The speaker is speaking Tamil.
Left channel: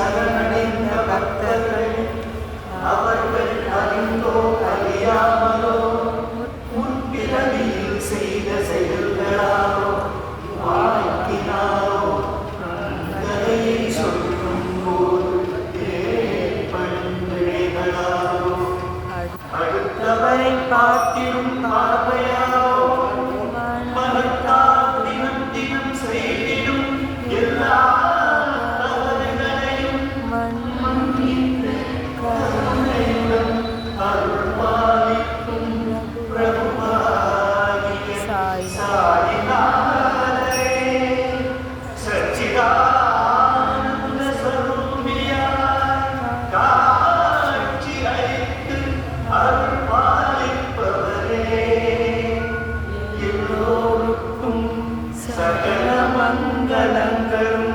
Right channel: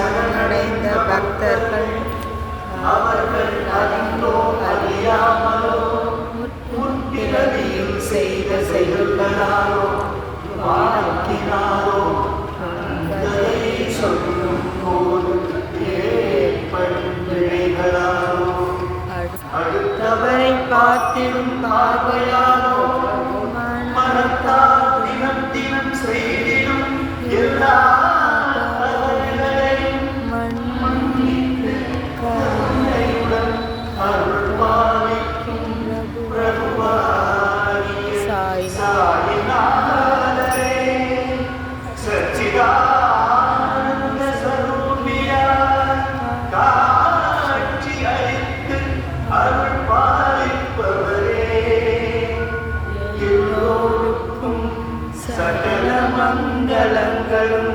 சரணடைந்த பக்தர்கள் அவர்கள் அறிந்தோ அறியாமலோ முற்பிறவியில் செய்த செயல்களாலோ வாழ்த்தினாலோ கதையை சொல்லும் போது ஏற்படும் வினைகளாலோ அடுத்தவரை பார்த்திடும் பார்வையாலோ மனத்தால் தினம் தினம் செய்திடும் எல்லா தவறுகளையும் மன்னித்து கருணையுடன் அருள் பாலிக்கும் பிரபுவாகிய சாயிநாதரே சச்சிதானந்த ஸ்வரூபியாய் காட்சி அளித்து அருள் பாலிப்பவரே எல்லோருக்கும் சகல மங்களங்களும்